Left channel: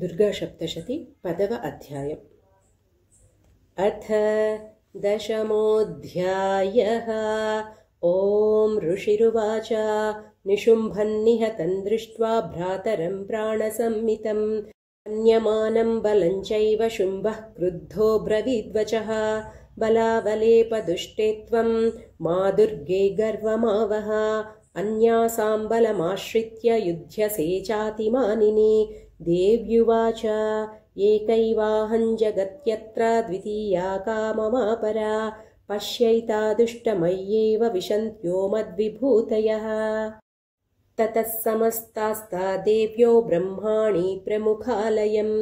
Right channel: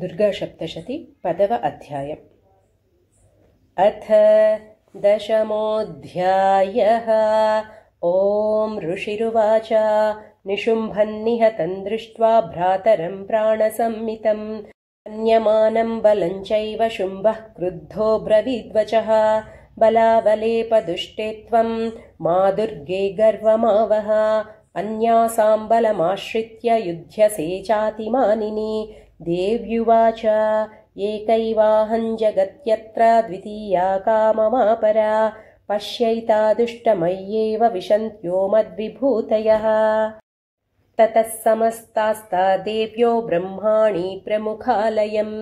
दुर्गासप्तशती पदव अध्यायम्। अथ दशमोऽध्यायः। ॐ ऋषिरुवाच निशुम्भन्निहतं दृष्ट्वा भ्रातरं प्राणसंमितं मन्यमानं बलं चैव शुम्भः क्रुद्धो ब्रवीद्वचः बलावलेपदुष्टे त्वं मा दुर्गे गर्वमावह अन्यासां बलमाश्रित्य युध्यसे चातिमानिनी। देव्युवाच एकैवाहं जगत्यत्र द्वितीया का ममापरा पश्यैता दुष्टमय्येव विशन्त्यो मद्विभूतयः। ततः समस्तास्ता देव्यो ब्रह्माणि प्रमुखालयम्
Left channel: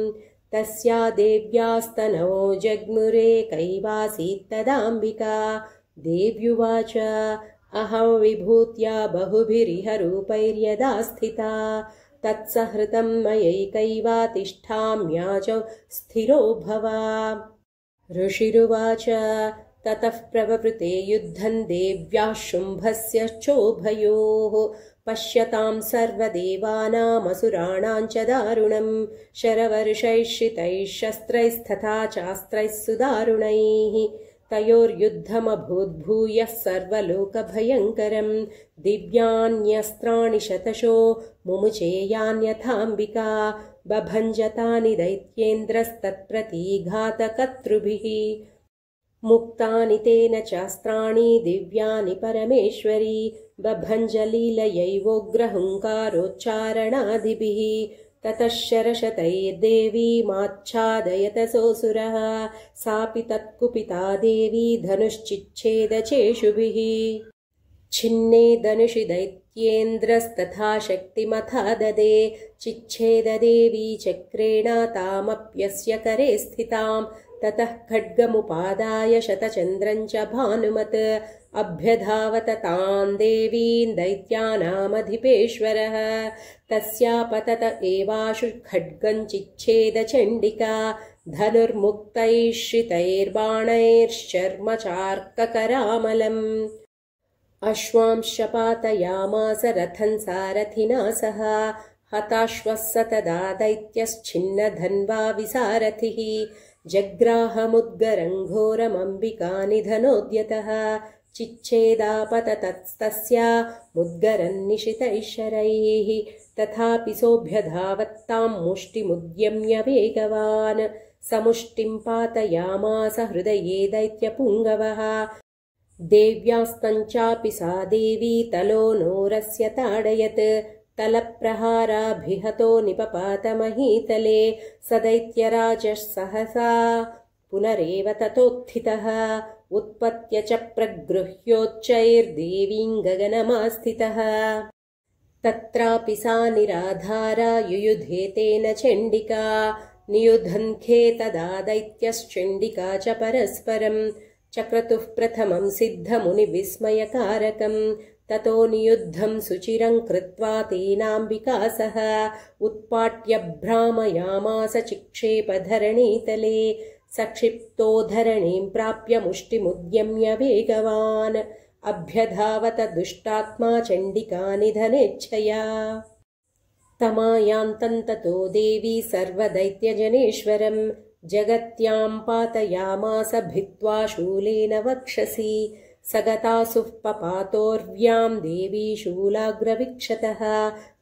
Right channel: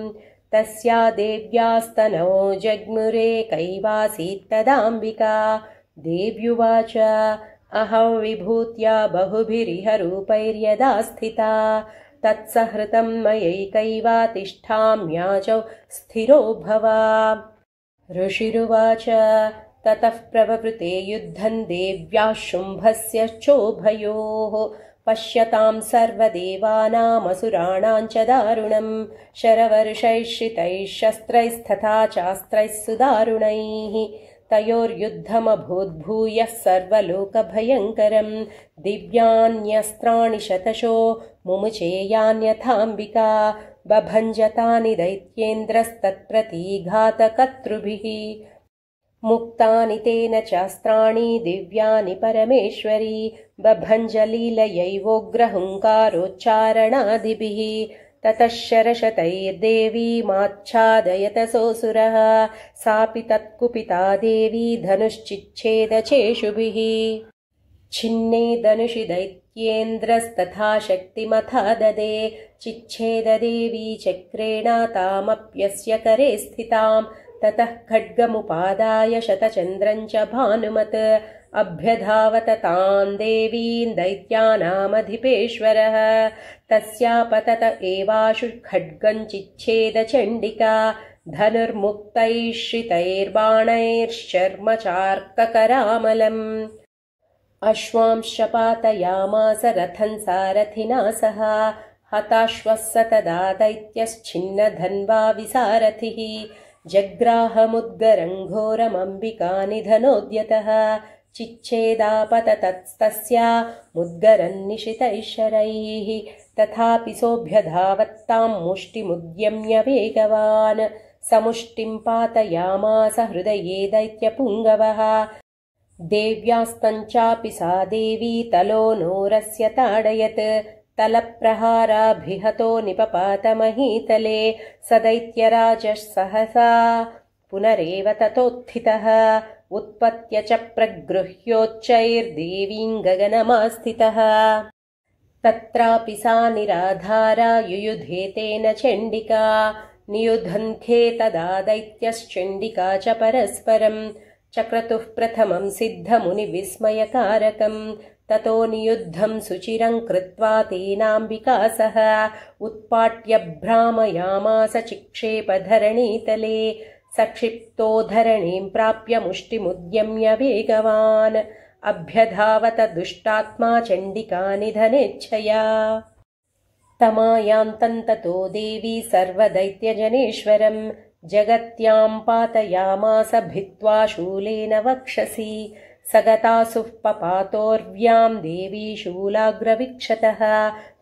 तस्या देव्यास्तनौ जग्मुरेकैवासीत्तदाम्बिका। देव्युवाच अहं विभूत्या बहुभिरिह रूपैर्यदा स्थिता तत्सहृतं मयैकैवा तिष्ठाम्याचौ स्थिरो भव। ऋषिरुवाच ततः प्रववृते युद्धं देव्याः शुम्भस्य चोभयोः पश्यतां सर्वदेवानामसुराणां च दारुणं शरवर्षैः श्रितैः शस्त्रैस्तथा चास्त्रैः सुदारुणैः तयोर्युद्धमभूद्भूयः सर्वलोकभयङ्करं दिव्यान्यस्त्राणि शतशो मुमुचेयान्यथाम्बिका बभञ्जतानि दैत्येन्द्रस्तत्प्रतिघातकर्तृभिः मुक्तानि तेन चास्त्राणि दिव्यानि परमेश्वरी बभञ्जलीलयैवोग्रहुङ्कारोच्चारणादिभिः ततः शरशतैर्देवी माच्छादयतसोऽसुरः सापि तत्कुपिता देवी धनुश्चिच्छेदचेषुभिः छिन्ने धनुषि दैत्येन्द्रस्तथा शक्तिमथा ददे चिच्छेददेवी चक्रेण तामप्यस्य करे स्थितां ततः खड्गमुपादाय शतचन्द्रं च भानुमत् अभ्यधावत तां देवीं दैत्यानामधिपेश्वरः तस्यापतत एवाशु खड्गं चिच्छेदचण्डिका धनुर्मुक्तैः श्रितैर्बाणैश्चर्मचार्ककरामलम् अश्वांश्च पातयामास रथं सारथिना सह हताश्वः स तदा दैत्यश्छिन्नधन्वा विसारथिः जग्राहमुद्गरं घोरमम्बिकानिधनोद्यतः चिच्छेदापततस्तस्या मुद्गरं निशितैः शरैः तथापि सोऽभ्यधावत्तां मुष्टिमुद्यम्य वेगवान् समुष्टिं पातयामास हृदये दैत्यपुङ्गवः देव्यास्तञ्चापि सा देवी तलो नोरस्य ताडयत् तलप्रहाराभिहतो निपपातमहीतले स दैत्यराजः सहसा पुनरेव ततोत्थितः उत्पत्य च प्रगृह्योच्चैर्देवीं गगनमास्थितः तत्रापि सा निराधारा युयुधे तेन चण्डिका नियुधन्खे तदा दैत्यश्चण्डिका च परस्परं चक्रतुः प्रथमं सिद्धमुनिविस्मयकारकं ततो नियुद्धं सुचिरं कृत्वा तेनाम्बिका सह उत्पाट्य भ्रामयामास चिक्षेपधरणीतले सक्षिप्तो धरणीं प्राप्य मुष्टिमुद्यम्य वेगवान् अभ्यधावत दुष्टात्मा चण्डिका निधनेच्छया तमायान्तन्ततो देवी सर्वदैत्यजनेश्वरं जगत्यां पातयामास भित्त्वा शूलेन वक्षसि सगतासुः पपातोर्व्यां देवी शूलाग्रवीक्षतः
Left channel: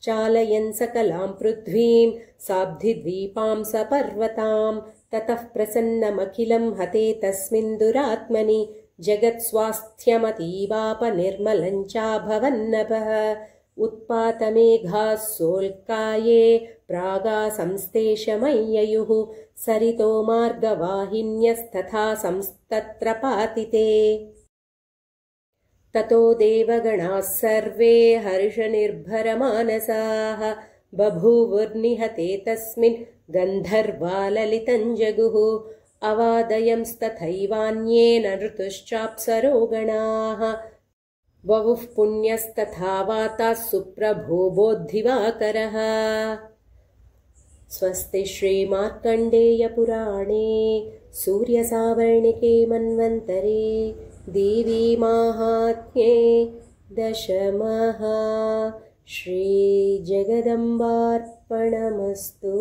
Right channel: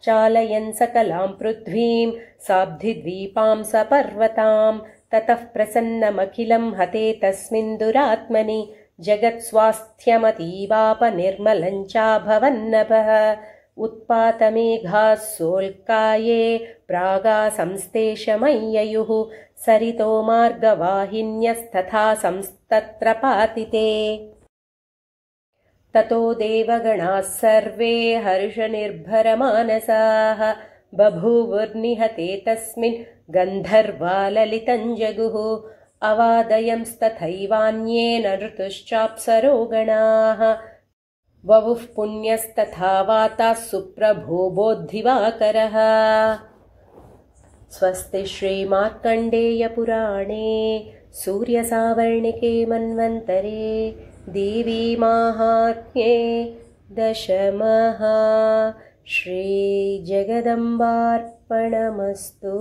चालयन् सकलां पृथ्वीं साब्धिद्वीपां सपर्वतां ततः प्रसन्नमखिलं हते तस्मिन् दुरात्मनि जगत्स्वास्थ्यमतीवापनिर्मलं चाभवन्नभः उत्पातमेघाः सोल्काये प्रागासंस्तेषमय्ययुः सरितो मार्गवाहिन्यस्तथा संस्तत्र पातिते ततो देवगणाः सर्वे हर्षनिर्भरमानसाः बभूवुर्निहते तस्मिन् गन्धर्वा ललितं जगुः अवादयंस्तथैवान्ये नऋतुश्चाप्सरोगणाः ववुः पुण्यस्तथा वाताः सुप्रभो बोद्धिवाकरः। स्वस्ति श्रीमार्कण्डेयपुराणे सूर्यसावर्णिके मन्वन्तरे देवी माहात्म्ये दशमः श्रीजगदम्बार्पणमस्तु।